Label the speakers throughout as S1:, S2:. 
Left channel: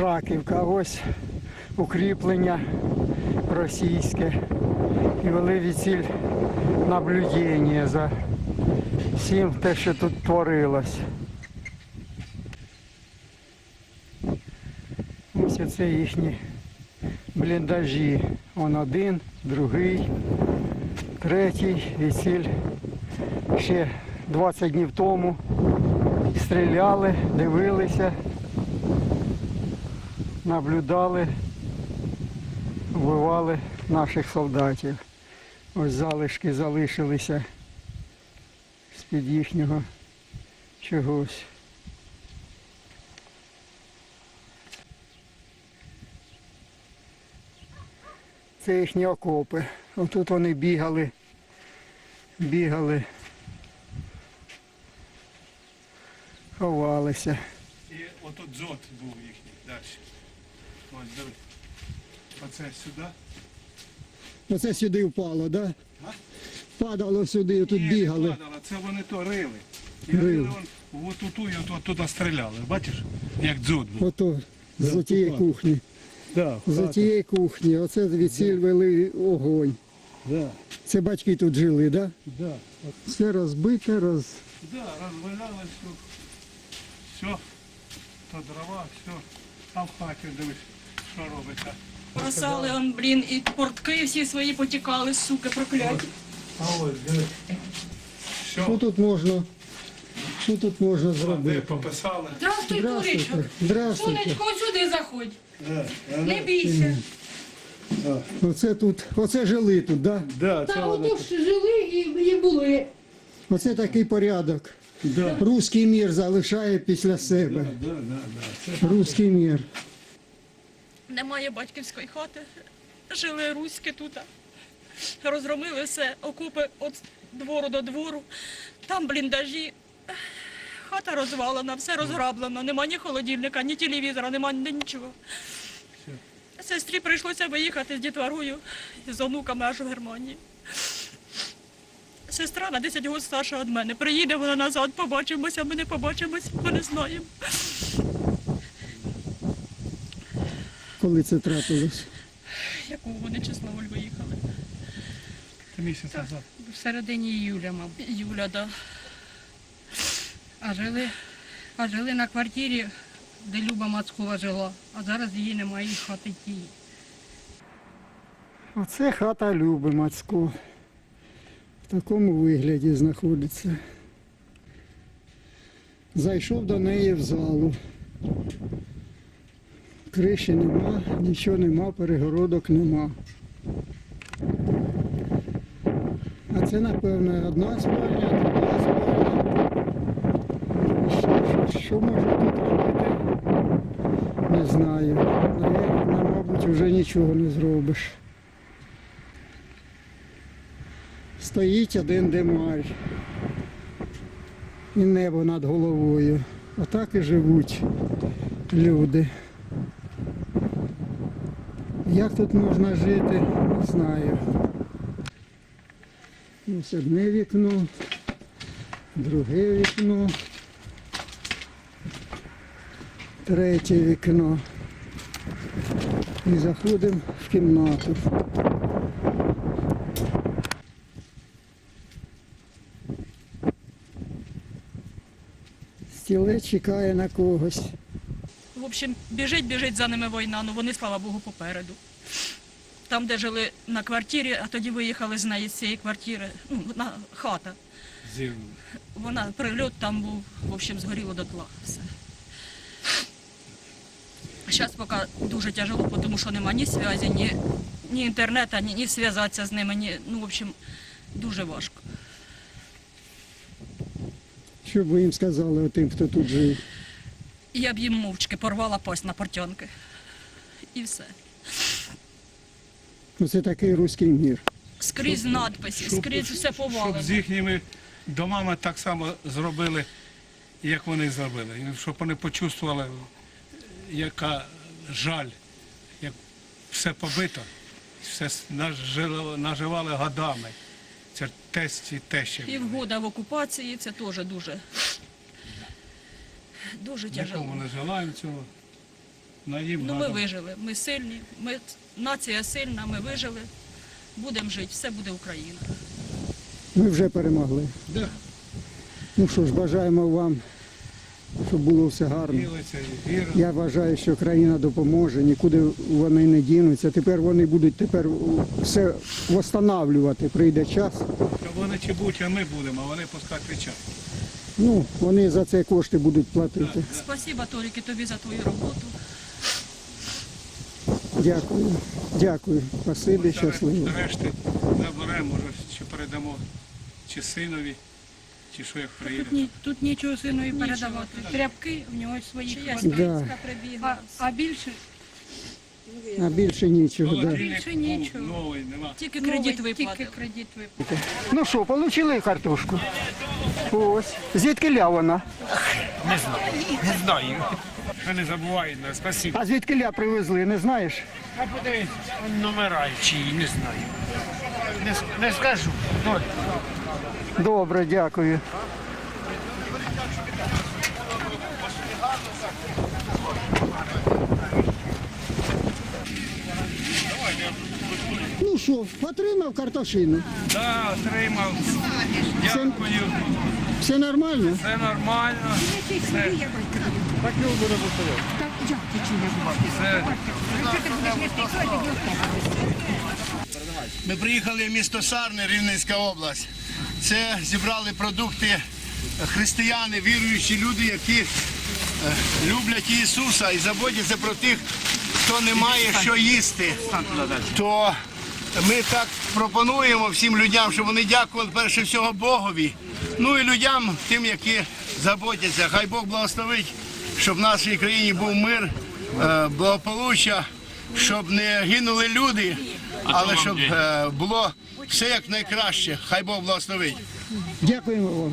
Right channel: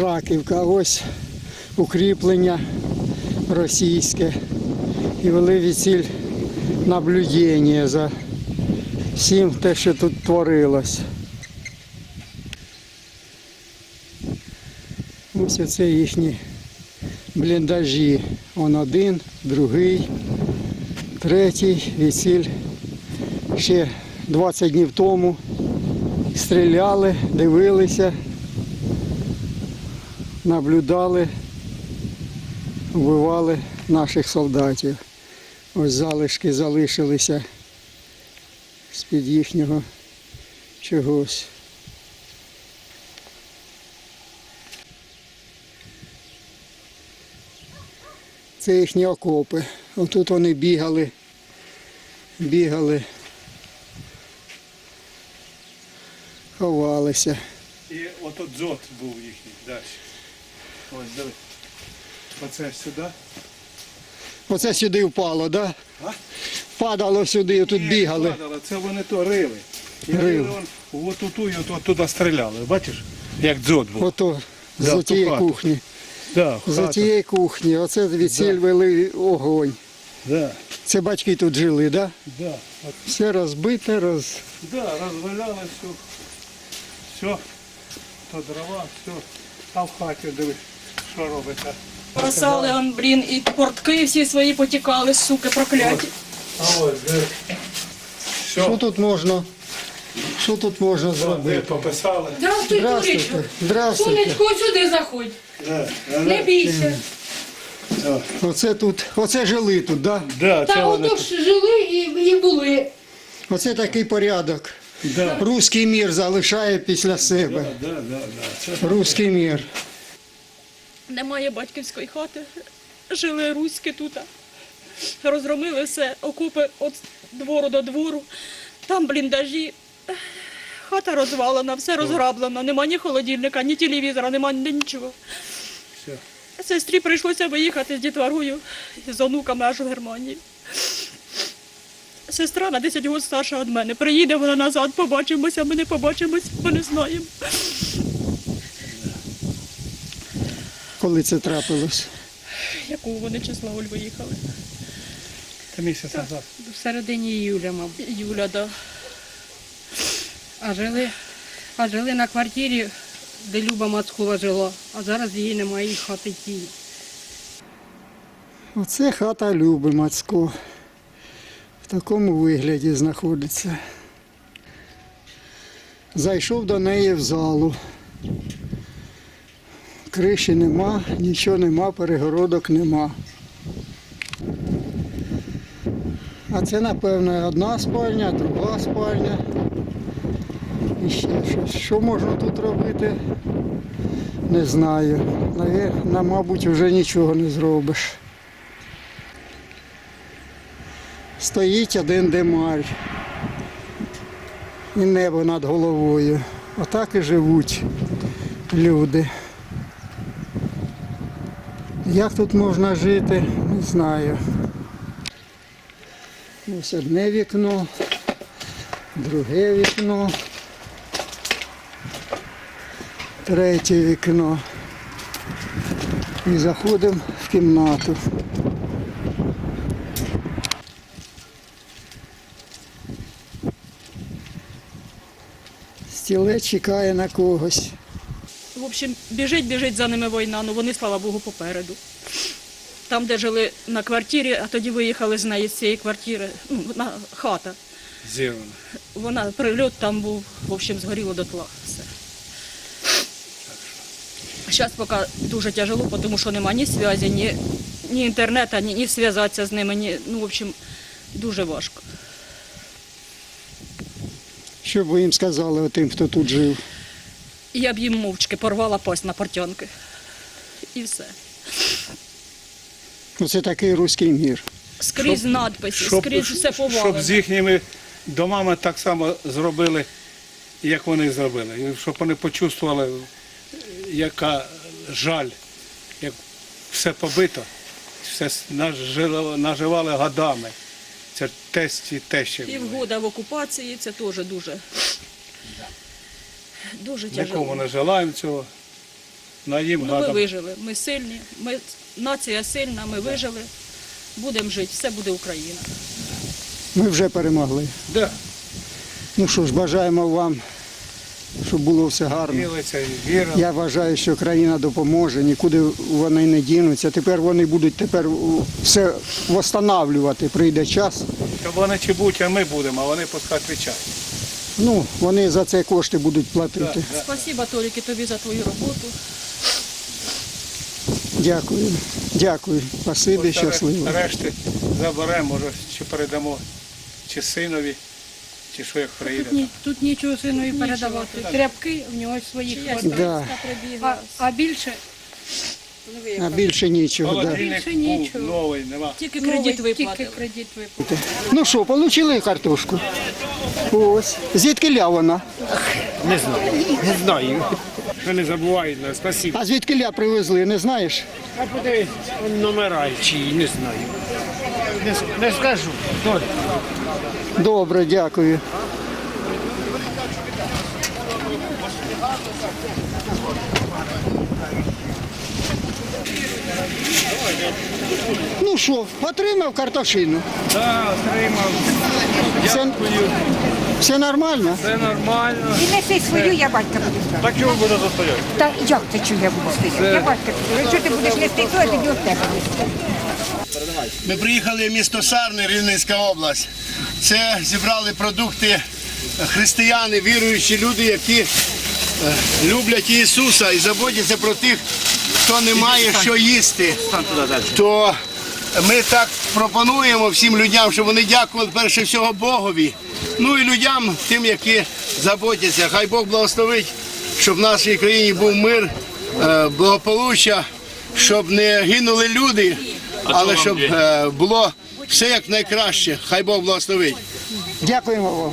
S1: Раківка, ось укріплення російське. І вели відсіль наблюдення за всім те, що тут творилось. Ось оце їхні бліндажі. Он один, другий, третій відсіль. Ще 20 днів тому стріляли, дивилися, наблюдали, вбивали наших солдатів. Ось залишки залишилися з-під їхнього чогось. Це їхні окопи. Отут вони бігали, бігали, ховалися.
S2: І отут дзот був їхній далі. Ось диви. Оце сюди.
S1: Оце сюди впало, так? Да?
S2: А?
S1: Падало сюди, тут
S2: Ні,
S1: бігали.
S2: падало, Це вони то рили. І
S1: Рили.
S2: рили от оту і от туди стріляли. Бачиш, як дзот був.
S1: Ото
S2: Да,
S1: з
S2: ту
S1: тієї
S2: хату.
S1: кухні.
S2: Да,
S1: З
S2: хата.
S1: тієї кухні. Оце відсіль вели огонь.
S2: Да,
S1: Це батьки тут жили, так? Да?
S2: да. От,
S1: Все розбите, роз...
S2: да, розваляли все. Все. То дрова, все. А в хаті дивись, що робиться.
S3: Бросали, он, блін, і портки всі свої потікали, суки, прокляті.
S2: А ось.
S1: Що
S2: Все.
S1: тут можна? Що тут можна
S2: Де
S1: зробити?
S2: пописали.
S3: Здравствуй,
S1: Здравствуйте.
S3: дуречко.
S1: Здравствуйте.
S3: Сонечко, сюди заходь.
S2: Да,
S3: Не бійся.
S1: Оце тут, оце жили тут, да?
S2: да, це
S3: Та
S2: вони.
S3: ото ж жили і, і були.
S1: Оце такий порядок.
S2: Да.
S1: Руський мір залишає після себе.
S2: Да, да, да, да. Це
S1: Руський мір.
S3: Немає батьківської хати. Жили руські тут. Розгромили все, окупи від двору до двору. Там бліндажі. Хата розвалена, все розграблено. Нема ні холодильника, ні телевізора, нема ні нічого.
S2: все.
S3: Сестрі прийшлося виїхати з дітворою з онуками аж в Германію. Сестра на 10 років старша від мене. Приїде вона назад, побачимося, ми не побачимось, ми не знаємо.
S1: Коли це трапилось?
S3: Якого вони числа Оль виїхали.
S2: Та місяць назад.
S4: В середині іюля, мабуть.
S3: Юля, да.
S4: А жили, а жили на квартирі, де Люба Мацкова жила, а зараз її немає і хати тієї.
S1: Оце хата Люби Мацько. В такому вигляді знаходиться. Зайшов до неї в залу. Криші нема, нічого нема, перегородок нема. А це, напевно, одна спальня, друга спальня. І ще щось. Що можна тут робити? Не знаю. Наве- Мабуть, вже нічого не зробиш. Стоїть один демарь. І небо над головою. Отак і живуть люди. Як тут можна жити, не знаю. Ось одне вікно, друге вікно, третє вікно. І заходимо в кімнату. Стілець чекає на когось.
S3: В общем, біжить, біжить за ними війна, ну вони, слава Богу, попереду. Там, де жили на квартирі, а тоді виїхали з неї з цієї квартири, ну, на хата.
S2: Зірвано.
S3: Вона прильот там був, в общем, згоріло дотла. Все. Зараз поки дуже тяжело, тому що нема ні зв'язі, ні, ні інтернету, ні, ні зв'язатися з ними. Ні, ну, в общем, дуже важко.
S1: Що б ви їм сказали тим, хто тут жив?
S3: І я б їм мовчки порвала пасть на портянки. І все.
S1: Оце такий руський мір.
S3: Скрізь надписи, скрізь все повалено.
S2: щоб з їхніми домами так само зробили, як вони зробили. І Щоб вони почувствували, яка жаль, як все побито, все наживали годами. Це тесть і тещі.
S3: Півгода в окупації це теж дуже, дуже
S2: Нікому
S3: тяжело.
S2: не желаємо цього.
S3: Ну, ми вижили. Ми сильні, ми нація сильна, ми вижили. Будемо жити, все буде Україна.
S1: Ми вже перемогли.
S2: Да.
S1: Ну що ж, бажаємо вам, щоб було все гарно.
S2: І віра.
S1: Я вважаю, що країна допоможе, нікуди вони не дінуться. Тепер вони будуть тепер у, все встановлювати. Прийде час.
S2: Щоб вони чи будуть, а ми будемо, а вони пускай відповідають.
S1: Ну, вони за це кошти будуть платити.
S2: Да.
S3: Спасіба, Толіки, тобі за твою роботу.
S1: Дякую. Дякую. Спасибі, щасливо.
S2: Решти заберемо, може, чи передамо чи синові, чи що як приїде.
S4: Тут, ні, тут нічого синові передавати. Тряпки в нього свої хватає.
S1: Да.
S4: А, а більше
S1: А більше нічого. Да.
S2: Холодильник
S4: Більше
S2: був
S4: нічого.
S2: новий, нема.
S3: Тільки
S4: новий,
S3: кредит
S4: тільки
S3: виплатили.
S4: кредит виплатили.
S1: Ну що, отримали картошку? Ось. Звідки ля вона?
S5: Не знаю, не знаю. Що не забувають нас, спасибо.
S1: А звідки ля привезли, не знаєш?
S5: А подивись, он номера чиї, не знаю. Не, с- не скажу.
S1: Добре, дякую. Ну що, отримав картошину?
S6: Так, отримав.
S1: Все,
S6: Дякую.
S1: все нормально?
S6: Це нормально.
S7: Неси свою, я батька буду. Так чого буде за Та як ти чого я буду стояти? Я батька буду. Якщо ти будеш нести, то я тоді в тебе.
S8: Ми приїхали в місто Сарни, Рівненська область. Це зібрали продукти християни, віруючі люди, які е, люблять Ісуса і заботяться про тих, хто не має що їсти. То ми так пропонуємо всім людям, щоб вони дякували перше всього Богові. Ну і людям, тим, які заботяться. Хай Бог благословить, щоб в нашій країні був мир, е, благополуччя, щоб не гинули люди, але щоб е, було все як найкраще. Хай Бог благословить.
S1: Дякуємо вам.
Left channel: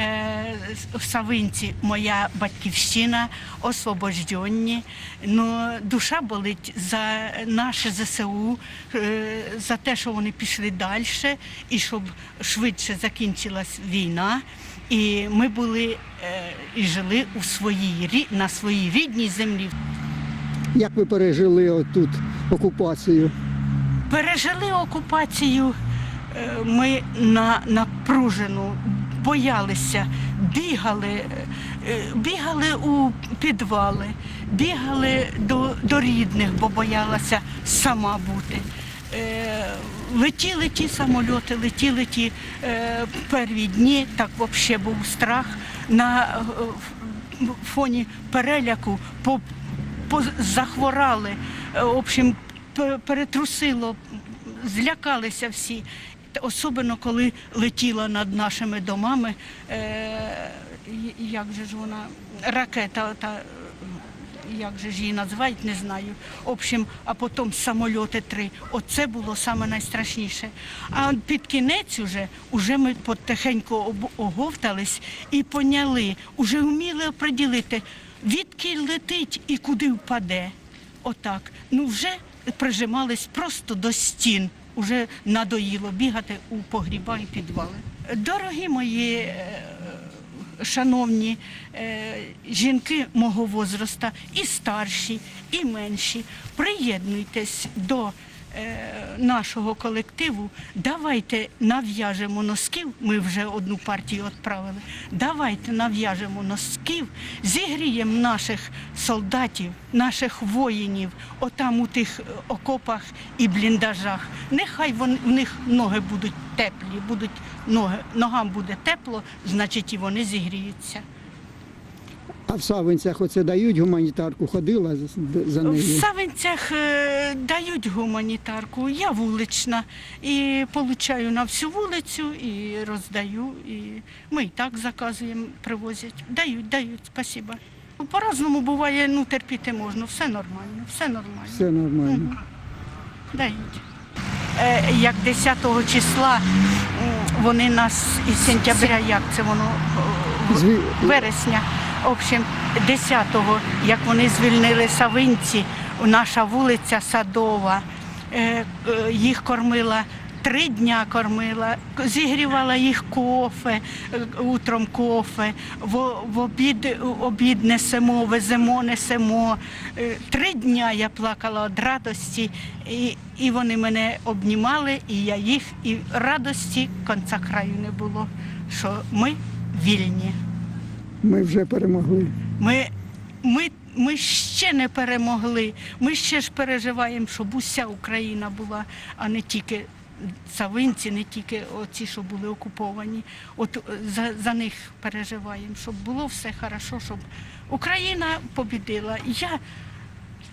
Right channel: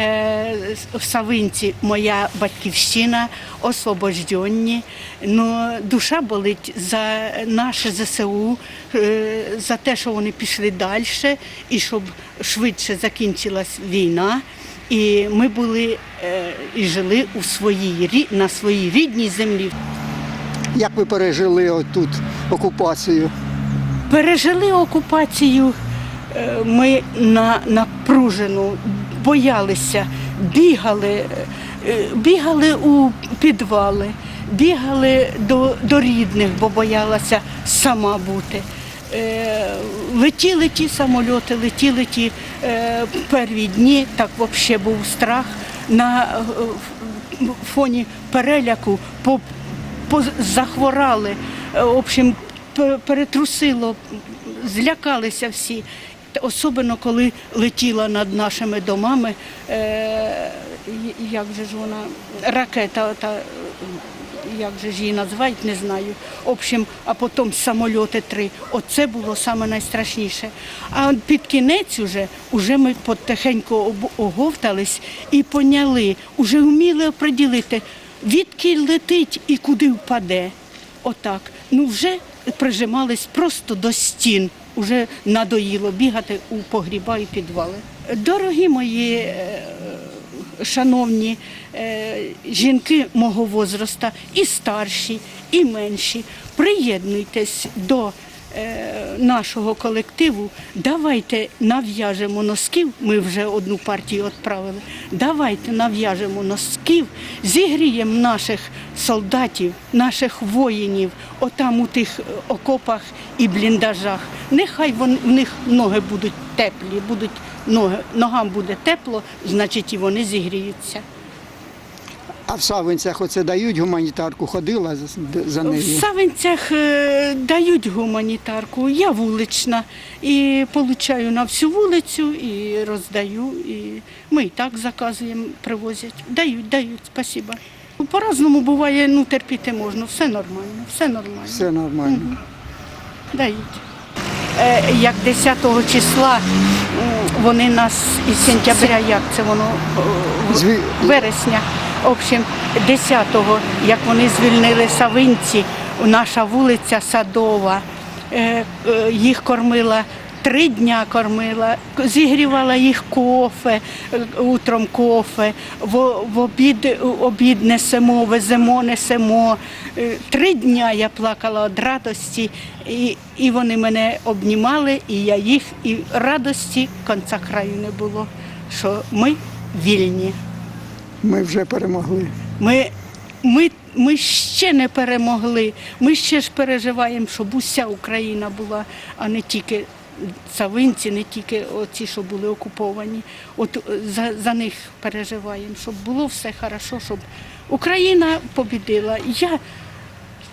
S9: Е, в Савинці моя батьківщина, освобожденні. Ну, душа болить за наше ЗСУ, е, за те, що вони пішли далі, і щоб швидше закінчилась війна. І ми були е, і жили у своїй на своїй рідній землі.
S1: Як ви пережили отут окупацію?
S9: Пережили окупацію е, ми на напружену, боялися, бігали, е, бігали у підвали, бігали до, до рідних, бо боялася сама бути. Е, Летіли ті самольоти, летіли ті е, перві дні, так взагалі був страх. На фоні переляку по поз- захворали, е, в общем, перетрусило, злякалися всі. Особливо, коли летіла над нашими домами, е, як же ж вона, ракета, та, як же ж її називають, не знаю. В общем, а потім самольоти три. Оце було саме найстрашніше. А під кінець уже, уже ми потихеньку оговтались і поняли, уже вміли оприділити, відки летить і куди впаде. Отак. Ну вже прижимались просто до стін. Уже надоїло бігати у погріба і підвали. Дорогі мої е, шановні е, жінки мого возраста, і старші, і менші, приєднуйтесь до нашого колективу. Давайте нав'яжемо носків. Ми вже одну партію відправили. Давайте нав'яжемо носків, зігріємо наших солдатів, наших воїнів, отам у тих е, окопах і бліндажах. Нехай вони, в них ноги будуть теплі, будуть ноги, ногам буде тепло, значить і вони зігріються.
S1: А в Савинцях оце дають гуманітарку, ходила за, за
S9: В. Савинцях е, дають гуманітарку, я вулична і получаю на всю вулицю і роздаю. І ми і так заказуємо, привозять. Дають, дають, спасибо. По-разному буває, ну терпіти можна, все нормально, все нормально.
S1: Все нормально.
S9: Дають. Е, як 10 числа вони нас із сентября, як це воно вересня. В общем, 10-го, як вони звільнили Савинці, наша вулиця Садова, е, е, їх кормила. Три дня кормила, зігрівала їх кофе, е, утром кофе, в, обід, обід несемо, веземо, несемо. Три дня я плакала від радості, і, і вони мене обнімали, і я їх, і радості конца краю не було, що ми вільні.
S1: Ми вже перемогли.
S9: Ми, ми, ми ще не перемогли. Ми ще ж переживаємо, щоб уся Україна була, а не тільки Савинці, не тільки оці, що були окуповані. От е, за, за них переживаємо, щоб було все хорошо, щоб Україна побідила. Я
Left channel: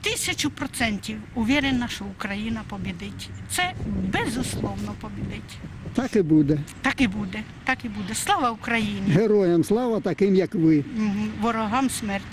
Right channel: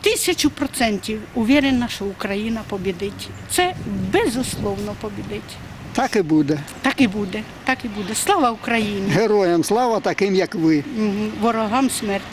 S9: тисячу процентів уверена, що Україна побідить. Це безусловно побідить.
S1: Так і буде.
S9: Так і буде, так і буде. Слава Україні!
S1: Героям слава таким, як ви.
S9: Угу. Ворогам смерть.